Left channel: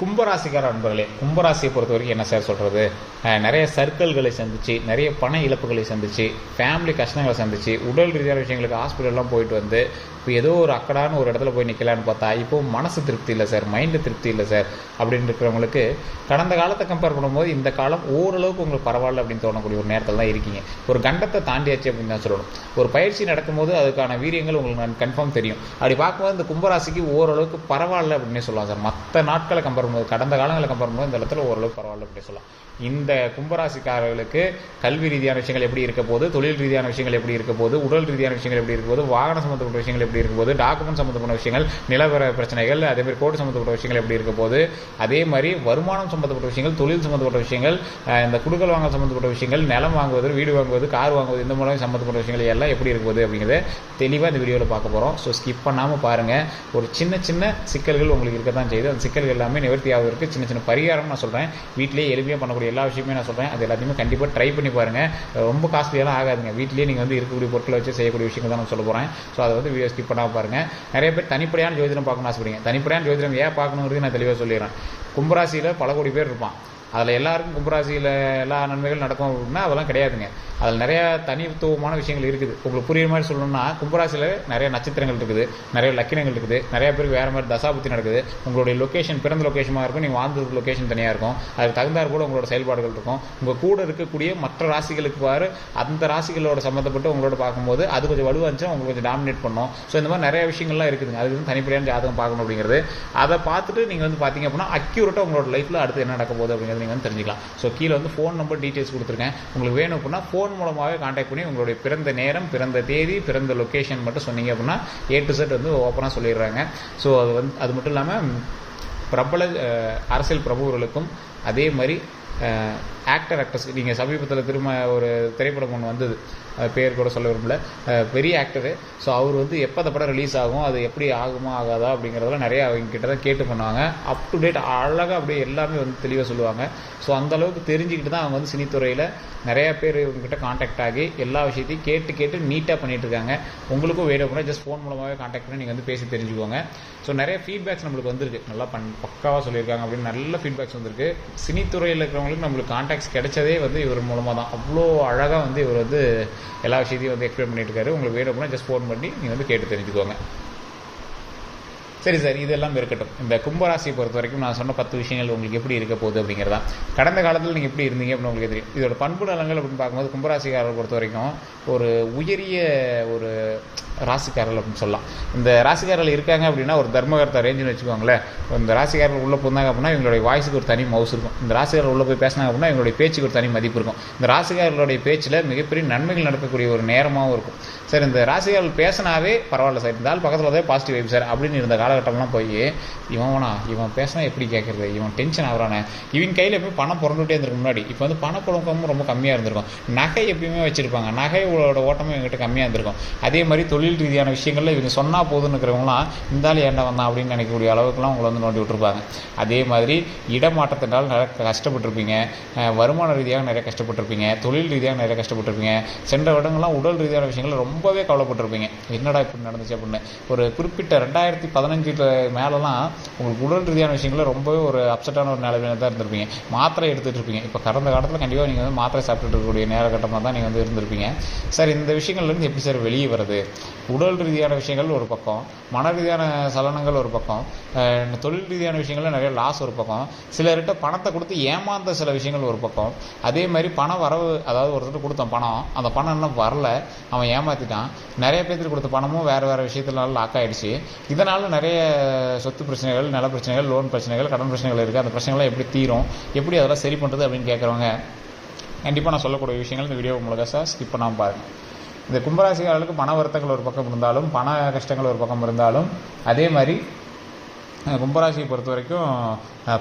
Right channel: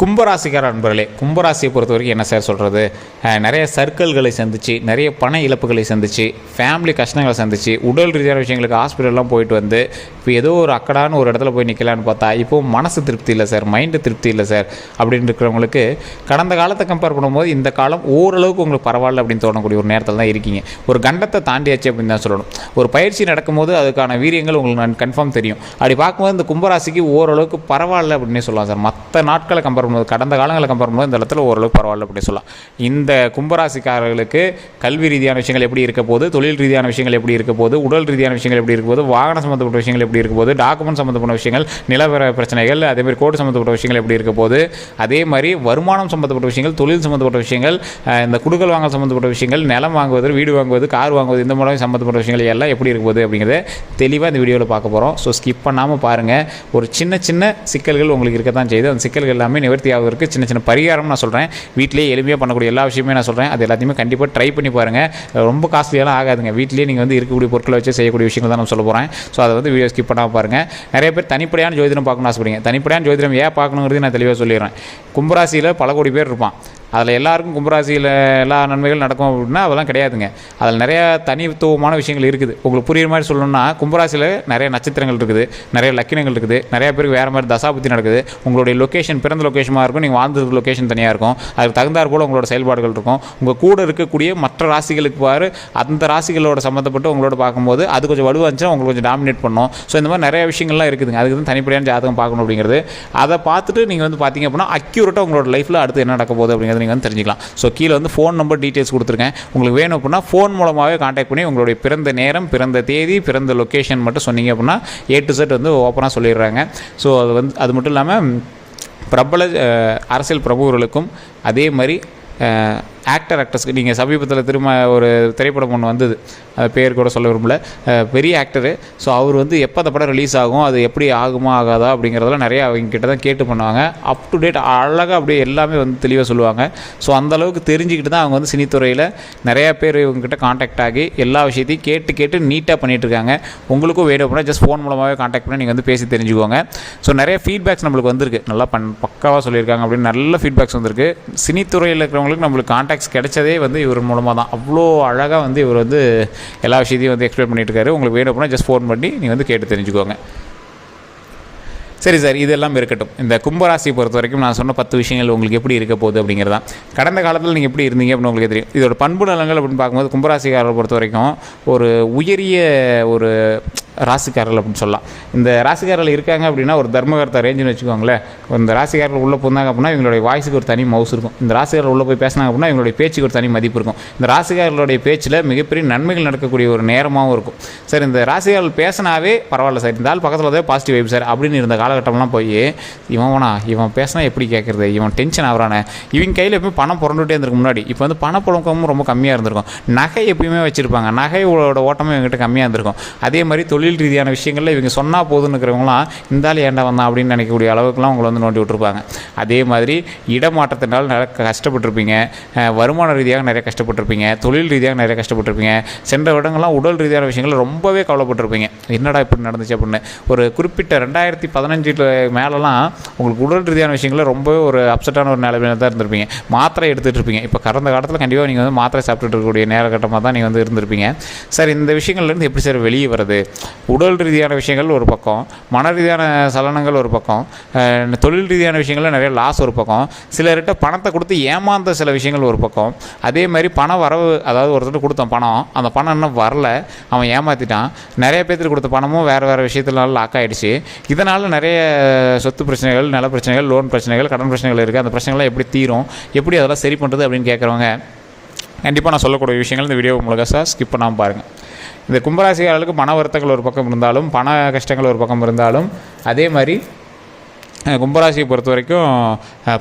கும்பராசிக்கார நண்பர்களே கும்பராசியை பொறுத்த வரைக்கும் என்ன சார் சொல்கிறது நிறைய சர்க்கிள்களை சந்திச்சு நிறைய பண இழப்புகளை சந்திச்சு ஃபேமிலி கஷ்டங்களை சந்திச்சு உடல் ரீதியான விஷயங்களுக்கு ஹாஸ்பிட்டல்லாம் போயிட்டு வந்து இப்போ ஏதோ ஒரு அக்கடான்னு ஒரு இடத்துல போய் நிற்கலான்னு பார்த்தா இப்போ மனசு திருப்தி இல்லை சார் மைண்டு திருப்தி இல்லை சார் அப்படின்னு இருக்கிறவங்களுக்கு கடந்த காலத்தை கம்பேர் பண்ணும்போது இந்த காலம் ஓரளவுக்கு உங்களுக்கு பரவாயில்ல அப்படின்னு தோணக்கூடிய ஒரு நேரத்தில் தான் இருக்கீங்க. ஒரு கண்டத்தை தாண்டியாச்சு அப்படின்னு தான் சொல்லணும். ஒரு பயிற்சி நடக்கும்போது அதுக்கான வீரியங்கள் உங்களுக்கு நான் கன்ஃபார்ம் தெரியும். அப்படி பார்க்கும்போது இந்த கும்பராசிக்கு ஓரளவுக்கு பரவாயில்ல அப்படின்னே சொல்லலாம் சார். மற்ற நாட்களை கம்பேர் பண்ணும்போது கடந்த காலங்களை கம்பேர் பண்ணும்போது இந்த இடத்துல ஓரளவு பரவாயில்ல அப்படி சொல்லலாம். இந்த கும்பராசிக்காரர்களுக்கு கல்வி ரீதியான விஷயங்கள் எப்படி இருக்க போது தொழில் ரீதியான விஷயங்கள் எப்படி இருக்க போது உடல் ரீதியான விஷயங்கள் எப்படி இருக்க போது வாகனம் சம்மந்தப்பட்ட விஷயங்கள் எப்படி இருக்க போது டாக்குமெண்ட் சம்மந்தப்பட்ட விஷயங்கள் நிலவர பிரச்சனைகள் அதேமாதிரி கோடு சம்மந்தப்பட்ட விஷயங்கள் எப்படி இருக்க போது அதே மாதிரி வருமானம் சம்மந்தப்பட்ட விஷயங்கள் தொழில் சம்மந்தப்பட்ட விஷயங்கள் இந்த குடுக்கல் வாங்கல் சம்மந்தப்பட்ட விஷயங்கள் நிலம் வாங்குவது வீடு வாங்குவது கார் வாங்குவது இந்த மாதிரி சம்மந்தப்பட்ட விஷயங்கள் எல்லாம் எப்படி இருக்க போகுது அப்படிங்கிறத தெளிவாக இந்த வீடியோவில் பார்க்க போகிறோம் ஸோ ஸ்கிப் பண்ணாமல் பாருங்கள் ஒரு சின்ன சின்ன சிக்கல்கள் உங்களுக்கு இருக்க தான் செய்யுது அந்த சிக்கல்கள் எல்லாமே நிவர்த்தி ஆவதற்கு சின்ன சின்ன பரிகாரம் நான் சொல்கிறேன் வீட்டிலேயே எளிமையாக பண்ணக்கூடிய எல்லா விஷயமே நான் சொல்கிறேன் அது எல்லாத்தையுமே கண்டிப்பாக ட்ரை பண்ணி பாருங்கள் ரொம்ப காஸ்ட்லியெல்லாம் ஆகாதுங்க. வீட்டிலேயே நீங்கள் வந்து இருக்கக்கூடிய பொருட்களை வச்சு செய்யக்கூடிய விஷயங்கள் தான் நான் சொல்ல போகிறேன் ஸோ அதை வந்து வீடியோ ஸ்கிப் பண்ணாமல் பாருங்கள் நிறைய பேர் தனிப்படையான ஜோதிடம் பார்க்கணும்னு ஆசைப்படுங்க தனிப்படையான ஜோதிடம் ஏன் பார்க்கணுங்கிறது நான் தெளிவாக சொல்லிடுறேன். கும்பராசியில் பல கோடி பேர் இருப்பான். அதில் எல்லாருக்கும் கும்பராசியில் எல்லா நன்மைகள் நடக்கும் அப்படின்னா அதெல்லாம் கிடையாதுங்க. அதில் நிறையா தனித்துவமான விஷயங்கள் இருக்குது. உங்களுக்கு புரியுற மாதிரி சொல்லணும்னா கும்பராசியில் நிறைய நட்சத்திரங்கள் இருக்குது. நிறைய லக்கினங்கள் இருக்குது. நிறைய பேருக்கு வேறு மாதிரி தசாபுத்தி நடக்குது. உங்களுடைய லொக்கேஷன் பிறந்த லொக்கேஷனாக இருக்கும். நீங்கள் வாழ்ந்த லொக்கேஷன் தனியாக இருக்கும். அதுக்கு தகுந்தார் போல் உங்களோட செயல்பாடுகள் இருக்கும். உங்கள் கூட இருக்கக்கூடிய மற்ற ராசிகளுக்கு பாரு அந்த ராசிகளோட சம்மந்தப்பட்டு உங்களோட பார்க்கும்போது அது கொஞ்சம் வலுவாச்சுன்னா உங்களுக்கு கொஞ்சம் டாமினேட் பண்ணும். ஸோ இந்த மாதிரி நிறைய விஷயங்கள்லாம் இருக்குதுங்க. அதுக்கு தான் தனிப்படையான ஜாதகம் பார்க்கணும் அப்படிங்கிறது. அதை பார்த்துட்டு நீங்கள் வந்து பார்த்தீங்க அப்படின்னா அக்யூரேட்டாக உங்களோட லைஃப்பில் அடுத்து என்ன நடக்க போகுது அப்படிங்கிறது நீங்கள் வந்து தெரிஞ்சுக்கலாம். ஸோ கீழே வந்து ஃபோன் நம்பர் டீட்டெயில்ஸ் கொடுத்துருக்கேன். உங்களுக்கு வேணும் அப்படின்னா ஃபோன் மூலமாகவே காண்டாக்ட் பண்ணி உங்களுடைய பிறந்த நேரம் பிறந்த தேதி பிறந்த லொக்கேஷன் மட்டும் சொன்னீங்க அப்படின்னா ஏ டு செட் வந்து ஓப்பனாக சொல்லிடுறாங்க. ஸோ அது வந்து அது மட்டும் இல்லாமல் பிரபல அரசியல் பிரமுகர்களுக்கும் அதே மாதிரி ஆக்டர் ஆக்ட்ரஸ்க்கு நீங்கள் சமீபத்தில் திரும்ப ஒரு திரைப்படம் ஒன்று வந்தது. பேர் கூட சொல்ல விரும்பல. பெரிய ஆக்டரு ஸோ அவர் வந்து எப்போ அந்த படம் ரிலீஸ் ஆகும் அது எப்படி ஆகுமா ஆகாதா அப்படிங்கிறதெல்லாம் நிறைய அவங்க கிட்ட தான் கேட்டு பண்ணுவாங்க. அப் டு டேட் அழகாக அப்படியே எல்லாமே வந்து தெளிவாக சொல்லுவாங்க. ஸோ அந்த அளவுக்கு தெரிஞ்சுக்கிட்டு தான் அவங்க வந்து சினித்துறையில் நிறையா பேர் இவங்ககிட்ட காண்டாக்ட் ஆகி எல்லா விஷயத்தையும் கேட்டு கேட்டு நீட்டாக பண்ணிகிட்ருக்காங்க இருக்காங்க. உங்களுக்கும் வேணும் அப்படின்னா ஜஸ்ட் ஃபோன் மூலமாகவே காண்டாக்ட் பண்ணி நீங்கள் வந்து பேசி தெரிஞ்சுக்கோங்க. ஸோ நிறைய ஃபீட்பேக்ஸ் நம்மளுக்கு வந்திருக்கு. நல்லா பண் பக்காவாக சொல்லியிருக்காங்க அப்படின்னு நல்ல ஃபீட்பேக்ஸ் வந்திருக்கு. சினித்துறையில் இருக்கிறவங்களுக்கு நம்மளுக்கு கான்டாக்ட்ஸ் கிடைச்சதே வந்து இவர் மூலமாக தான். அவ்வளோ அழகாக வந்து இவர் வந்து எல்லா விஷயத்தையும் வந்து எக்ஸ்பிளைன் பண்ணிட்டு இருக்காரு உங்களுக்கு வேணும் அப்படின்னா ஜஸ்ட் ஃபோன் பண்ணி நீங்கள் வந்து கேட்டு தெரிஞ்சுக்கோங்க. சரி சார் இதெல்லாம் இருக்கட்டும். இந்த கும்பராசியை பொறுத்த வரைக்கும் நான் சொன்ன பத்து விஷயங்கள் உங்களுக்கு எப்படி இருக்க போகுது அப்படிங்கிறது. தான் கடந்த காலத்தில் நீங்கள் எப்படி இருந்தீங்க அப்படின்னு உங்களுக்கு தெரியும். இதோட பண்பு நலங்கள் அப்படின்னு பார்க்கும்போது கும்பராசிக்காரரை பொறுத்த வரைக்கும் ஒரு உயரிய ஒரு ராசிக்காரர்கள் அப்படின்னு சொல்லலாம். இந்த ராசிக்காரர்கள் இருக்காங்க அப்படின்னா ஒரு தர்மகர்த்தா ரேஞ்சுன்னு வச்சுக்கோங்களேன். இந்த ராசிக்காரர்கள் உள்ளே போனாங்க அப்படின்னா இவங்களுடைய வாய்ஸுக்கு ஒரு தனி மவுஸ் இருக்கும். இந்த ராசிக்காரர்கள் உள்ளே போய் பேசினாங்க அப்படின்னா இவங்களுடைய பேச்சுக்கு ஒரு தனி மதிப்பு இருக்கும். இந்த ராசிக்காரர்களுடைய பேச்சில் மிகப்பெரிய நன்மைகள் நடக்கக்கூடிய ஒரு நேரமாகவும் இருக்கும். சார் இந்த ராசிக்காரர்கள் பேசினாவே பரவாயில்ல சார். இந்த ஆள் பக்கத்தில் தான் பாசிட்டிவ் வைப் சார் அப்படின்னு இருந்த காலகட்டம்லாம் போய் இவனா இவன் பேசினா எப்படி கேட்குறது இவன் டென்ஷன் ஆகிறானே. இவன் கையில் எப்பயும் பணம் புரண்டுகிட்டே இருந்திருக்கு முன்னாடி. இப்போ வந்து பணப்புழக்கமும் ரொம்ப கம்மியாக இருந்திருக்கும். நகை எப்பயுமே வச்சுருப்பாங்க. நகையோட ஓட்டமும் இவங்ககிட்ட கம்மியாக இருந்திருக்கும். அதே மாதிரி தொழில் ரீதியான விஷயங்களில் இவங்க சொன்னால் போதுன்னு இருக்கிறவங்களாம் ஏண்டா வந்தான்? அப்படின்னு நினைக்கக்கூடிய அளவுக்குலாம் உங்களை வந்து நோண்டி விட்டுருப்பாங்க. அதே மாதிரி இடமாற்றத்தினால் நிறைய கஷ்டப்பட்டிருப்பீங்க. வருமான ரீதியாக நிறைய கஷ்டப்பட்டிருப்பீங்க. தொழில் ரீதியாக நிறைய கஷ்டப்பட்டிருப்பீங்க. சென்ற வருடங்கள்லாம் உடல் ரீதியான விஷயங்கள் ரொம்பவே கவலைப்பட்டிருப்பீங்க. என்னடா இப்படி நடந்துச்சு? அப்படின்னு. ஒரு குறிப்பிட்ட ரெண்டாயிரத்தி பதினஞ்சில் மேலெலாம் உங்களுக்கு உடல் ரீதியான விஷயங்களில் ரொம்பவே ஒரு அப்செட்டான ஒரு நிலைமையில தான் இருந்திருப்பீங்க. மாத்திரை எடுத்துகிட்டு இருப்பீங்க இப்போ கடந்த காலத்தில் கண்டிப்பாக நீங்கள் வந்து மாத்திரை சாப்பிட்டுட்டு இருக்கக்கூடிய நேரகட்டமாக தான் நீங்கள் வந்து இருந்திருப்பீங்க. சார் இந்த விஷயங்கள்லேருந்து எப்படி சார் வெளியே வருது உடல் ரீதியான விஷயங்கள் ஒரு பக்கம் மன ரீதியான சலனங்கள் ஒரு பக்கம் தொழில் ரீதியான விஷயங்கள்ல நிறைய லாஸ் ஒரு பக்கம். சிலர்கிட்ட பணத்தை கொடுத்து ஏமாந்த சில விஷயங்கள் ஒரு பக்கம். அதே மாதிரி பண வரவு அதாவது ஒருத்தர் கொடுத்தோம் பணம் அந்த பணம் இன்னும் வரல. அவன் ஏமாற்றிட்டான் நிறைய பேர்த்துக்கு கொடுத்த பணமும் வேறு வேறு விஷயத்துலனால லாக் ஆகிடுச்சு இதனால் நிறைய சொத்து பிரச்சனைகள் நில பிரச்சனைகள் லோன் பிரச்சனைகள் கடன் பிரச்சனைகள் இருக்குது அந்த பிரச்சனைகள்லாம் எப்படி தீரும்? எப்படி அதெல்லாம் சரி பண்ணுறது அப்படின்னு கேட்குறவங்க கண்டிப்பாக நான் சொல்லக்கூடிய விஷயங்கள் இந்த வீடியோ முழுக்க ஸ்கிப் பண்ணாமல் பாருங்கள் இந்த கும்பராசிக்காரர்களுக்கு பண வருத்தங்கள் ஒரு பக்கம் இருந்தாலும் பண கஷ்டங்கள் ஒரு பக்கம் இருந்தாலும் அதே மாதிரி கும்பராசியை பொறுத்த வரைக்கும்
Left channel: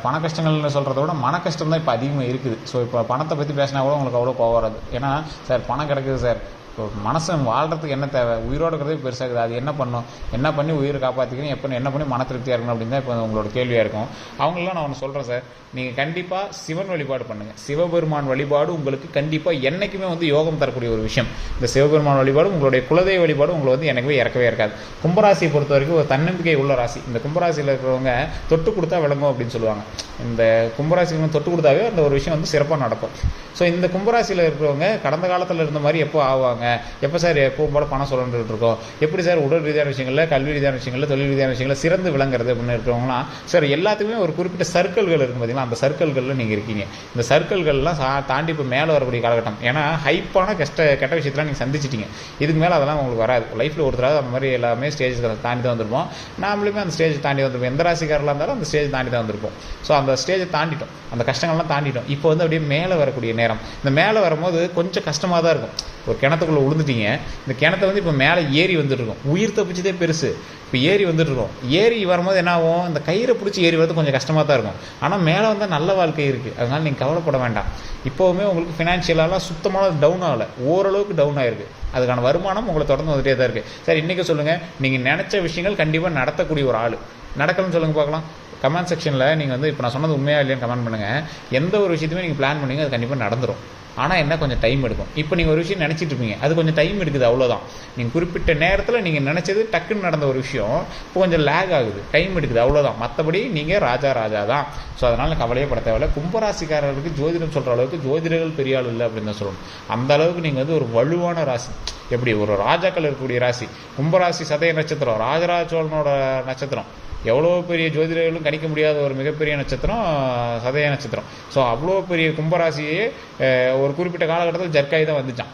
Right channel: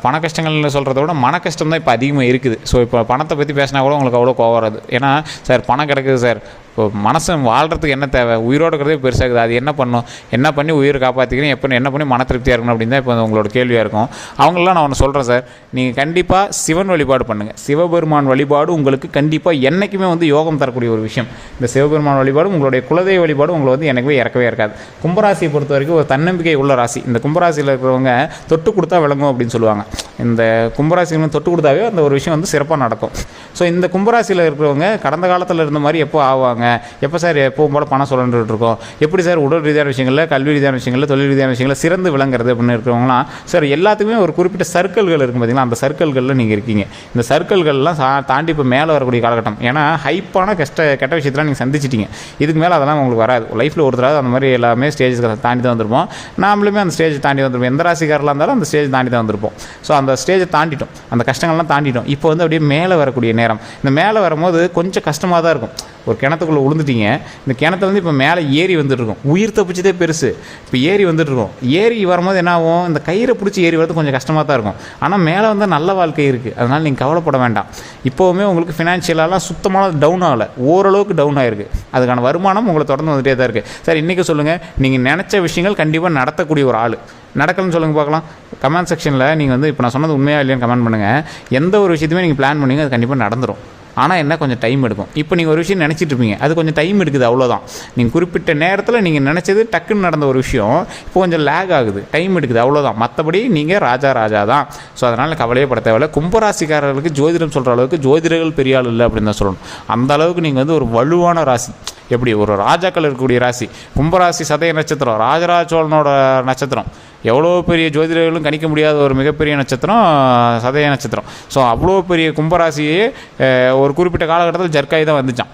பண கஷ்டங்கள்னு சொல்கிறத விட மன கஷ்டம் தான் இப்போ அதிகமாக இருக்குது. ஸோ இப்போ பணத்தை பற்றி பேசினா கூட உங்களுக்கு அவ்வளோ கோவம் வராது. ஏன்னா சார் பணம் கிடக்குது சார். இப்போ மனசன் வாழ்கிறதுக்கு என்ன தேவை? உயிரோடு இருக்கிறதே பெருசாகுது அது என்ன பண்ணும்? என்ன பண்ணி உயிரை காப்பாற்றிக்கிறேன் எப்போ என்ன பண்ணி மன திருப்தியாக இருக்கணும் அப்படின்னு தான் இப்போ உங்களோட கேள்வியாக இருக்கும். அவங்களெலாம் நான் ஒன்று சொல்கிறேன் சார். நீங்கள் கண்டிப்பாக சிவன் வழிபாடு பண்ணுங்கள் சிவபெருமான் வழிபாடு உங்களுக்கு கண்டிப்பாக என்றைக்குமே வந்து யோகம் தரக்கூடிய ஒரு விஷயம். இந்த சிவபெருமான் வழிபாடு உங்களுடைய குலதெய்வ வழிபாடு உங்களை வந்து எனக்குமே இறக்கவே இருக்காது கும்பராசியை பொறுத்த வரைக்கும் ஒரு தன்னம்பிக்கை உள்ள ராசி. இந்த கும்பராசியில் இருக்கிற இருக்கிறவங்க தொட்டு கொடுத்தா விளங்கும் அப்படின்னு சொல்லுவாங்க. இந்த கும்பராசிகளும் தொட்டு கொடுத்தாவே அந்த ஒரு விஷயம் வந்து சிறப்பாக நடக்கும். ஸோ இந்த கும்பராசியில் இருக்கிறவங்க கடந்த காலத்தில் இருந்த மாதிரி எப்போ ஆவாங்க? எப்போ சார் எப்பவும் போல பணம் சொல்லிட்டு இருக்கோம்? எப்படி சார் உடல் ரீதியான விஷயங்களில் கல்வி ரீதியான விஷயங்களில் தொழில் ரீதியான விஷயங்களில் சிறந்து விளங்குறது அப்படின்னு இருக்கிறவங்களாம் சார் எல்லாத்துக்குமே ஒரு குறிப்பிட்ட சர்க்கிள்கள் இருக்கும் பார்த்தீங்களா அந்த சர்க்கிள்களில் நீங்கள் இருக்கீங்க. இந்த சர்க்கிள்கள்லாம் சா தாண்டி இப்போ மேலே வரக்கூடிய காலகட்டம். ஏன்னா ஹைப்பான கஷ்ட கெட்ட விஷயத்தெல்லாம் நீங்கள் சந்திச்சிட்டீங்க. இதுக்கு மேலே அதெல்லாம் உங்களுக்கு வராது. லைஃப்பில் ஒரு தடவை அந்த மாதிரி எல்லாமே ஸ்டேஜஸ் தாண்டி தான் வந்திருப்போம். நாமளுமே அந்த ஸ்டேஜ் தாண்டி வந்துருப்போம். எந்த ராசிக்காரலாம் இருந்தாலும் அந்த ஸ்டேஜ் தாண்டி தான் வந்திருப்போம். ஸோ அந்த ஸ்டேஜை தாண்டிட்டோம். அந்த கஷ்டங்கள்லாம் தாண்டிட்டோம். இப்போ வந்து அப்படியே மேலே வரக்கூடிய நேரம். இந்த மேலே வரும்போது கொஞ்சம் கஷ்டமாக தான் இருக்கும். ஒரு கிணத்துக்குள்ளே விழுந்துட்டீங்க இந்த கிணத்துல வந்து இப்போ மேலே ஏறி வந்துட்டுருக்கோம் உயிர் தப்பிச்சதே பெருசு. இப்போ ஏறி வந்துட்டுருக்கோம் ஏறி வரும்போது என்ன ஆகும்? இந்த கயிறை பிடிச்சி ஏறி வரது கொஞ்சம் கஷ்டமாக தான் இருக்கும். ஆனால் மேலே வந்தால் நல்ல வாழ்க்கை இருக்குது அதனால் நீங்கள் கவலைப்பட வேண்டாம். இப்போவுமே உங்களுக்கு ஃபினான்ஷியலாலாம் சுத்தமாக டவுன் ஆகலை. ஓரளவுக்கு டவுன் ஆகிருக்கு அதுக்கான வருமானம் உங்களை தொடர்ந்து வந்துகிட்டே தான் இருக்குது சார் இன்றைக்கி சொல்லுங்கள் நீங்கள் நினச்ச விஷயங்கள் கண்டிப்பாக நடத்தக்கூடிய ஒரு ஆள். நடக்கணும்னு சொல்லுங்கள் பார்க்கலாம். கமெண்ட் செக்ஷனில் நீங்கள் வந்து இப்போ நான் சொன்னது உண்மையாக இல்லையான்னு கமெண்ட் பண்ணுங்கள் எந்த ஒரு விஷயத்தையுமே நீங்கள் பிளான் பண்ணீங்க அது கண்டிப்பாக நடந்துடும் ஆனால் என்ன கொஞ்சம் டைம் எடுக்கும். இப்போ நீங்கள் ஒரு விஷயம் நினச்சிட்டு இருப்பீங்க. அது கொஞ்சம் டைம் எடுக்குது அவ்வளோதான் நீங்கள் குறிப்பிட்ட நேரத்தில் நீங்கள் நினச்சது டக்குன்னு நடந்த ஒரு விஷயம் இப்போ கொஞ்சம் லேக் ஆகுது. டைம் எடுக்குது அவ்வளோதான் மற்றபடி நீங்கள் ராஜா ராஜா தான். ஸோ அதனால் கவலையே பட தேவையில்ல. கும்பராசிக்காரர்களுக்கு ஜோதிடம் சொல்கிற அளவுக்கு ஜோதிடர்கள் பெரிய ஆள் இல்லை அப்படின்னு தான் சொல்லணும். அந்த அளவுக்கு நீங்கள் வந்து ஒரு வலுவான ராசி. எப்படி? ஒரு ராஜாக்கள் இருக்கக்கூடிய ராசி. கும்பராசி சதய நட்சத்திரம் ராஜராஜ சோழனோட நட்சத்திரம். எவ்வளோ பெரிய ஜோதிடர்களும் கணிக்க முடியாத ஒரு மிகப்பெரிய நட்சத்திரம் சதய நட்சத்திரம். ஸோ அவ்வளோ பெரிய கும்பராசியே ஒரு குறிப்பிட்ட காலகட்டத்தில் ஜர்க்காய் தான் வந்துச்சான்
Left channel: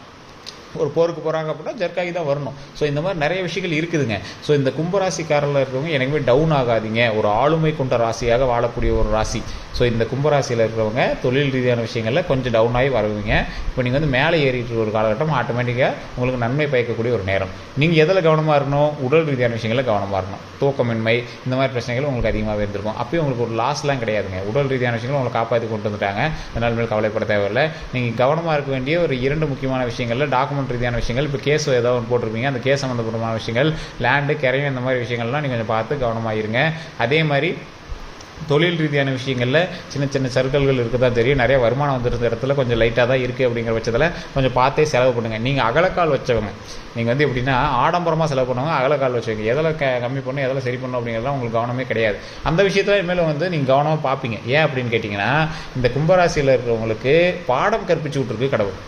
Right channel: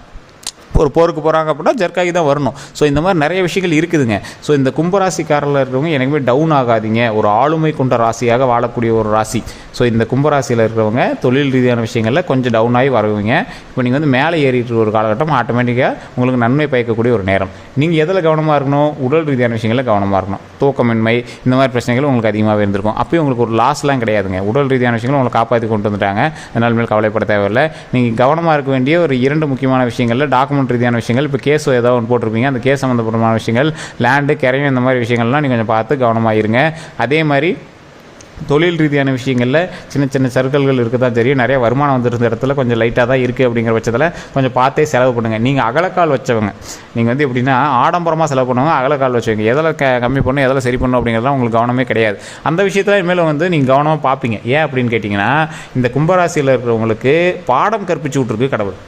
ஒரு போருக்கு போகிறாங்க அப்படின்னா ஜர்க்காகி தான் வரணும். ஸோ இந்த மாதிரி நிறைய விஷயங்கள் இருக்குதுங்க. ஸோ இந்த கும்பராசிக்காரில் இருக்கிறவங்க எனக்குமே டவுன் ஆகாதீங்க. ஒரு ஆளுமை கொண்ட ராசியாக வாழக்கூடிய ஒரு ராசி. ஸோ இந்த கும்பராசியில் இருக்கிறவங்க தொழில் ரீதியான விஷயங்களில் கொஞ்சம் டவுன் ஆகி வருவீங்க. இப்போ நீங்கள் வந்து மேலே ஏறிட்டு ஒரு காலகட்டம் ஆட்டோமேட்டிக்காக உங்களுக்கு நன்மை பயக்கக்கூடிய ஒரு நேரம். நீங்கள் எதில் கவனமாக இருக்கணும்? உடல் ரீதியான விஷயங்களில் கவனமாக இருக்கணும். தூக்கமின்மை இந்த மாதிரி பிரச்சனைகள் உங்களுக்கு அதிகமாகவே இருந்திருக்கும். அப்பயும் உங்களுக்கு ஒரு லாஸ்லாம் கிடையாதுங்க. உடல் ரீதியான விஷயங்களும் உங்களை காப்பாற்றி கொண்டு வந்துட்டாங்க. அதனால் மேல் கவலைப்பட தேவையில்லை. நீங்கள் கவனமாக இருக்க வேண்டிய ஒரு இரண்டு முக்கியமான விஷயங்களில் டாக்குமெண்ட் ரீதியான விஷயங்கள் இப்போ கேஸ் ஏதோ ஒன்று போட்டிருப்பீங்க. அந்த கேஸ் சம்மந்தப்பட்டமான விஷயங்கள் லேண்டு கரையும் இந்த மாதிரி விஷயங்கள்லாம் நீங்கள் கொஞ்சம் பார்த்து கவனமாக இருங்க. அதே மாதிரி தொழில் ரீதியான விஷயங்களில் சின்ன சின்ன சர்க்கிள்கள் இருக்க தான் தெரியும். நிறைய வருமானம் வந்துருந்த இடத்துல கொஞ்சம் லைட்டாக தான் இருக்குது அப்படிங்கிற பட்சத்தில் கொஞ்சம் பார்த்தே செலவு பண்ணுங்கள் நீங்கள் அகலக்கால் வச்சவங்க நீங்கள் வந்து எப்படின்னா ஆடம்பரமாக செலவு பண்ணுவாங்க அகலக்கால் வச்சவங்க எதில் க கம்மி பண்ணணும் எதில் சரி பண்ணும் அப்படிங்கிறதுலாம் உங்களுக்கு கவனமே கிடையாது. அந்த விஷயத்தில் இனிமேல் வந்து நீங்கள் கவனமாக பார்ப்பீங்க. ஏன் அப்படின்னு கேட்டிங்கன்னா இந்த கும்பராசியில் இருக்கிறவங்களுக்கு பாடம் கற்பிச்சு விட்ருக்கு கடவுள்.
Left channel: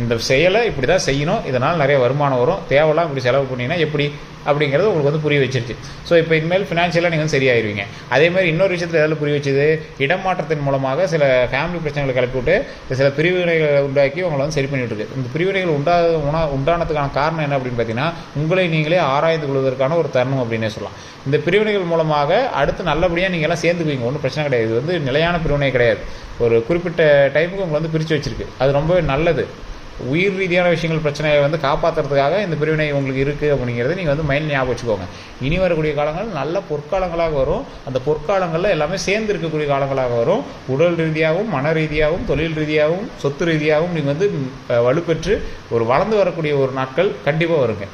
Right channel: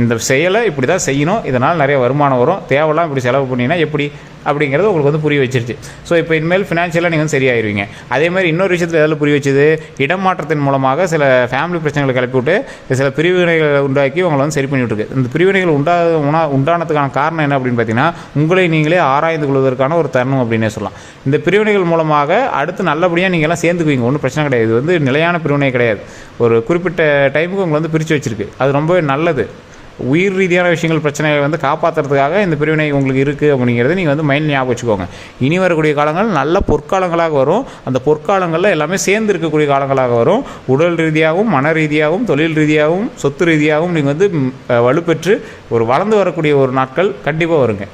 இந்த செயலை இப்படி தான் செய்யணும். இதனால் நிறைய வருமானம் வரும். தேவைலாம் இப்படி செலவு பண்ணிங்கன்னா எப்படி? அப்படிங்கிறது உங்களுக்கு வந்து புரிய வச்சிருச்சு. ஸோ இப்போ இனிமேல் ஃபினான்ஷியலாக நீங்கள் வந்து சரியாயிருவீங்க. அதே மாதிரி இன்னொரு விஷயத்தில் எதில் புரிய வச்சது? இடமாற்றத்தின் மூலமாக சில ஃபேமிலி பிரச்சனைகளை கிளப்பி விட்டு சில பிரிவினைகளை உண்டாக்கி உங்களை வந்து சரி பண்ணி இருக்கு இந்த பிரிவினைகள் உண்டா உணா உண்டானதுக்கான காரணம் என்ன அப்படின்னு பார்த்தீங்கன்னா உங்களை நீங்களே ஆராய்ந்து கொள்வதற்கான ஒரு தருணம் அப்படின்னே சொல்லலாம். இந்த பிரிவினைகள் மூலமாக அடுத்து நல்லபடியாக நீங்கள் எல்லாம் சேர்ந்துக்குவீங்க. ஒன்றும் பிரச்சனை கிடையாது. இது வந்து நிலையான பிரிவினை கிடையாது. ஒரு குறிப்பிட்ட டைமுக்கு உங்களை வந்து பிரித்து வச்சிருக்கு. அது ரொம்பவே நல்லது. உயிர் ரீதியான விஷயங்கள் பிரச்சனைகளை வந்து காப்பாற்றுறதுக்காக இந்த பிரிவினை உங்களுக்கு இருக்குது அப்படிங்கிறத நீங்கள் வந்து மைண்ட் ஞாபகம் வச்சுக்கோங்க. இனி வரக்கூடிய காலங்கள் நல்ல பொற்காலங்களாக வரும். அந்த பொற்காலங்களில் எல்லாமே சேர்ந்து இருக்கக்கூடிய காலங்களாக வரும். உடல் ரீதியாகவும் மன ரீதியாகவும் தொழில் ரீதியாகவும் சொத்து ரீதியாகவும் நீங்கள் வந்து வலுப்பெற்று ஒரு வளர்ந்து வரக்கூடிய ஒரு நாட்கள் கண்டிப்பாக வருங்க.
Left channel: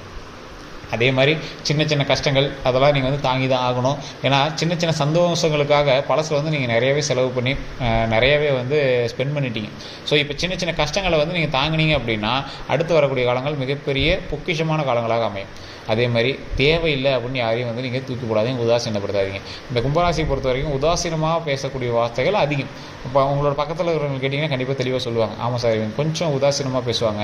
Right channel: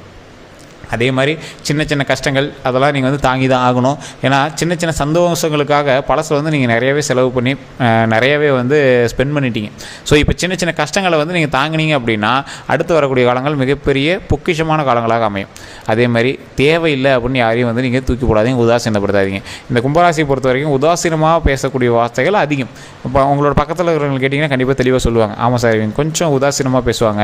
அதே மாதிரி சின்ன சின்ன கஷ்டங்கள் அதெல்லாம் நீங்கள் வந்து தாங்கி தான் ஆகணும். ஏன்னா சின்ன சின்ன சந்தோஷங்களுக்காக பழசில் வந்து நீங்கள் நிறையவே செலவு பண்ணி நிறையவே வந்து ஸ்பெண்ட் பண்ணிட்டீங்க. ஸோ இப்போ சின்ன சின்ன கஷ்டங்களை வந்து நீங்கள் தாங்கினீங்க அப்படின்னா அடுத்து வரக்கூடிய காலங்கள் மிகப்பெரிய பொக்கிஷமான காலங்களாக அமையும். அதே மாதிரி தேவையில்லை அப்படின்னு யாரையும் வந்து நீங்கள் தூக்கி போடாதீங்க உதாசீனப்படுத்தாதீங்க. இந்த கும்பராசியை பொறுத்த வரைக்கும் உதாசீனமாக பேசக்கூடிய வார்த்தைகள் அதிகம். இப்போ உங்களோட பக்கத்தில் இருக்கிறவங்க கேட்டிங்கன்னா கண்டிப்பாக தெளிவாக சொல்லுவாங்க. ஆமாம் சார் இவங்க கொஞ்சம் உதாசீனமாக பேசுவாங்க.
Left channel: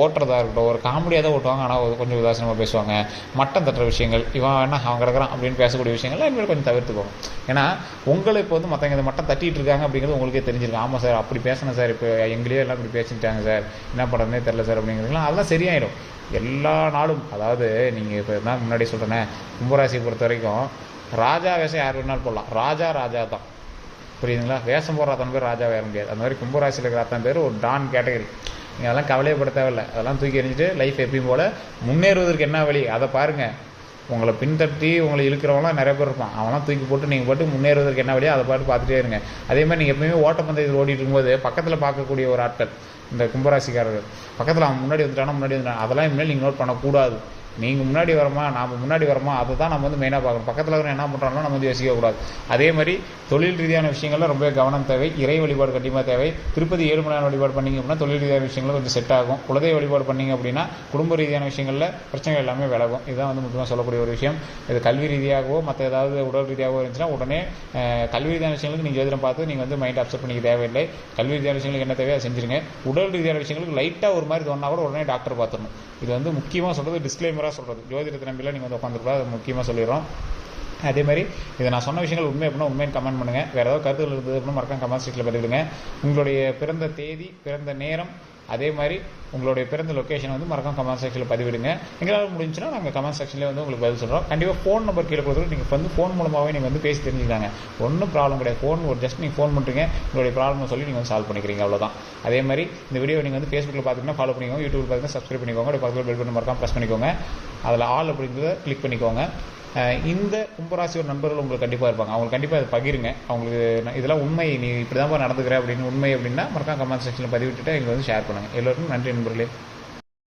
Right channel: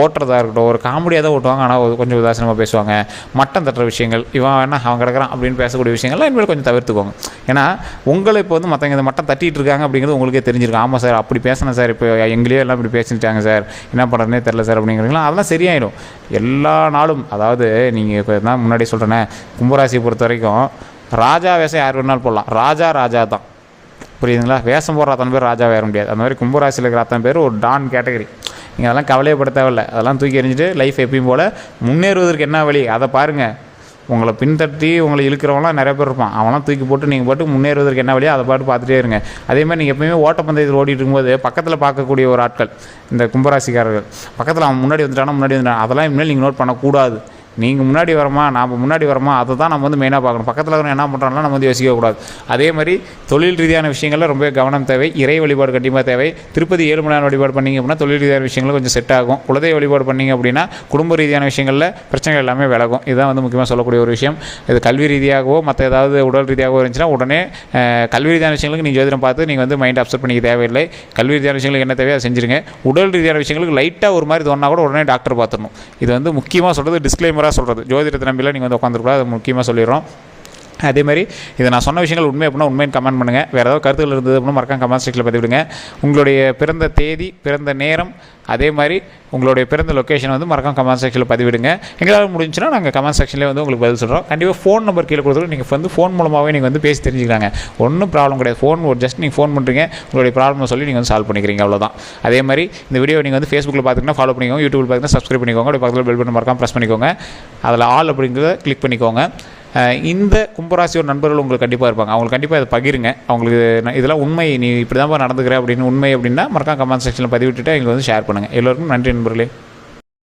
ஓட்டுறதா இருக்கட்டும் ஒரு காமெடியாக தான் ஓட்டுவாங்க ஆனால் கொஞ்சம் உதாசீனமாக பேசுவாங்க. மட்டம் தட்டுற விஷயங்கள் இவன் என்ன அவன் கிடக்கிறான் அப்படின்னு பேசக்கூடிய விஷயங்கள்லாம் இனிமேல் கொஞ்சம் தவிர்த்துக்கோங்க. ஏன்னா உங்களை இப்போ வந்து மற்றவங்க இந்த மட்டம் தட்டிகிட்டு இருக்காங்க அப்படிங்கிறது உங்களுக்கே தெரிஞ்சிருக்கும். ஆமாம் சார் அப்படி பேசினேன் சார் இப்போ எங்களையே எல்லாம் இப்படி பேசிட்டாங்க சார். என்ன பண்ணுறதுனே தெரில சார் அப்படிங்கிறீங்களா அதெல்லாம் சரியாயிடும் எல்லா நாளும் அதாவது நீங்கள் இப்போ தான் முன்னாடி சொல்கிறேனே கும்பராசியை பொறுத்த வரைக்கும் ராஜா வேஷம் யார் வேணாலும் போடலாம். ராஜா ராஜா தான். புரியுதுங்களா? வேஷம் போடுற அத்தனை பேர் ராஜா வேற முடியாது. அந்த மாதிரி கும்பராசியில் இருக்கிற அத்தனை பேர் ஒரு டான் கேட்டகரி. நீங்கள் அதெல்லாம் கவலையப்பட தேவையில்ல. அதெல்லாம் தூக்கி எறிஞ்சிட்டு லைஃப் எப்பயும் போல் முன்னேறுவதற்கு என்ன வழி? அதை பாருங்கள் உங்களை பின்தட்டி உங்களை இழுக்கிறவங்களாம் நிறைய பேர் இருப்பான். அவனாம் தூக்கி போட்டு நீங்கள் போட்டு முன்னேறுவதற்கு என்ன வழியோ அதை பாட்டு பார்த்துட்டே இருங்க. அதே மாதிரி நீங்கள் எப்பயுமே ஓட்டப்பந்தயத்தில் ஓடிட்டு இருக்கும்போது பக்கத்தில் பார்க்கக்கூடிய ஒரு ஆட்கள் இந்த கும்பராசிக்காரர்கள் பக்கத்தில் அவன் முன்னாடி வந்துட்டானா முன்னாடி வந்துட்டான் அதெல்லாம் இனிமேல் நீங்கள் நோட் பண்ணக்கூடாது. நீங்கள் முன்னாடி வரமா நாம் முன்னாடி வரமா அதை தான் நம்ம வந்து மெயினாக பார்க்கணும். பக்கத்தில் இருக்கிறவங்க என்ன பண்ணுறாங்கன்னா நம்ம வந்து யோசிக்கக்கூடாது அதே மாதிரி தொழில் ரீதியான விஷயங்களில் ரொம்ப கவனம் தேவை. இறை வழிபாடு கண்டிப்பாக தேவை. திருப்பதி ஏழு மணி நேரம் வழிபாடு பண்ணிங்க அப்படின்னா தொழில் ரீதியான விஷயங்கள் கொஞ்சம் செட் ஆகும். குலதெய்வ வழிபாடு பண்ணீங்க அப்படின்னா குடும்ப ரீதியான விஷயங்களில் பிரச்சனைகள் எல்லாமே விலகும். இதுதான் வந்து முக்கியமாக சொல்லக்கூடிய ஒரு விஷயம். இது கல்வி ரீதியாகவோ மற்ற ஏதாவது உடல் ரீதியாகவோ இருந்துச்சுன்னா உடனே கல்வி ரீதியான விஷயங்களுக்கு நீங்கள் ஜோதிடம் பார்த்து நீங்கள் வந்து மைண்ட் அப்செட் பண்ணிக்க தேவையில்லை. கல்வி ரீதியான விஷயங்களுக்கு என்ன தேவையோ அதை செஞ்சுருங்க. உடல் ரீதியான விஷயங்களுக்கு லைட்டாக ஒரு மாதிரி தோணா கூட உடனே டாக்டர் பார்த்துடணும். இது வந்து முக்கியமாக சொல்கிறது டிஸ்க்ளைமராக சொல்கிறது ஜோதிடத்தை நம்பிலாம் நீங்கள் வந்து உட்காந்துருக்கூடாது அது முக்கியமாக சொல்லிடுறோம். அதே மாதிரி இதை நான் சொன்ன விஷயங்கள் உண்மை அப்படின்னா உண்மைன்னு கமெண்ட் பண்ணுங்கள் வேறு ஏதாவது கருத்துக்கள் இருந்தது அப்படின்னா மறக்காம கமெண்ட் செக்ஷனில் பதிவிடுங்க. உங்களுடைய பிறந்த தேதி பிறந்த நேரம் அதே மாதிரி உங்களுடைய பிறந்த லொக்கேஷன் வந்து மறக்காம கமெண்ட் செக்ஷனில் பதிவிடுங்க. எங்களால் முடிஞ்சுன்னா நாங்கள் கமெண்ட் செக்ஷன்லேயே வந்து உங்களுக்கு பதில் சொல்கிறோம் கண்டிப்பாக ஃபோன் நம்பர் கீழே கொடுத்துட்டு நீங்கள் வந்து ஃபோன் மூலமாகவே நீங்கள் வந்து பேசி தெரிஞ்சுக்கிறாங்க ஒன்றும் ப்ராப்ளம் கிடையாது. ஃபோன் ஒரு ஜஸ்ட் நீங்கள் ஃபோன் பண்ணுறீங்க உங்களுடைய ப்ராப்ளம் சொல்லி நீங்கள் வந்து சால்வ் பண்ணிக்கிறீங்க அவ்வளோதான் அதே மாதிரி இந்த வீடியோ நீங்கள் வந்து ஃபேஸ்புக்கில் பார்த்துக்கிட்டா ஃபாலோ பண்ணிக்கோங்க. யூடியூப்பில் பார்த்தீங்கன்னா சப்ஸ்கிரைப் பண்ணிக்கோங்க. அப்படியே பக்கத்தில் பெல் பட்டன் மறக்காம ப்ரெஸ் பண்ணிக்கோங்க. அதில் ஆல் அப்படிங்கிறத கிளிக் பண்ணிக்கோங்க. இந்த கும்பராசியோட நண்பர்கள் உங்களுக்கு கண்டிப்பாக இருப்பாங்க. அவங்களுக்கு கண்டிப்பாக இதை பகிருங்க. அவங்களுக்கு நான் இதெல்லாம் உண்மை. நீ இப்படி தான் நடந்துக்கிறேன் அப்படின்னு உண்மை அப்படின்னா மறக்காம கமெண்ட் செக்ஷனில் பதிவிட்டுட்டு எங்களுக்கு வந்து ஷேர் பண்ணுங்கள் எல்லோருக்கும் நன்றி நண்பர்களே.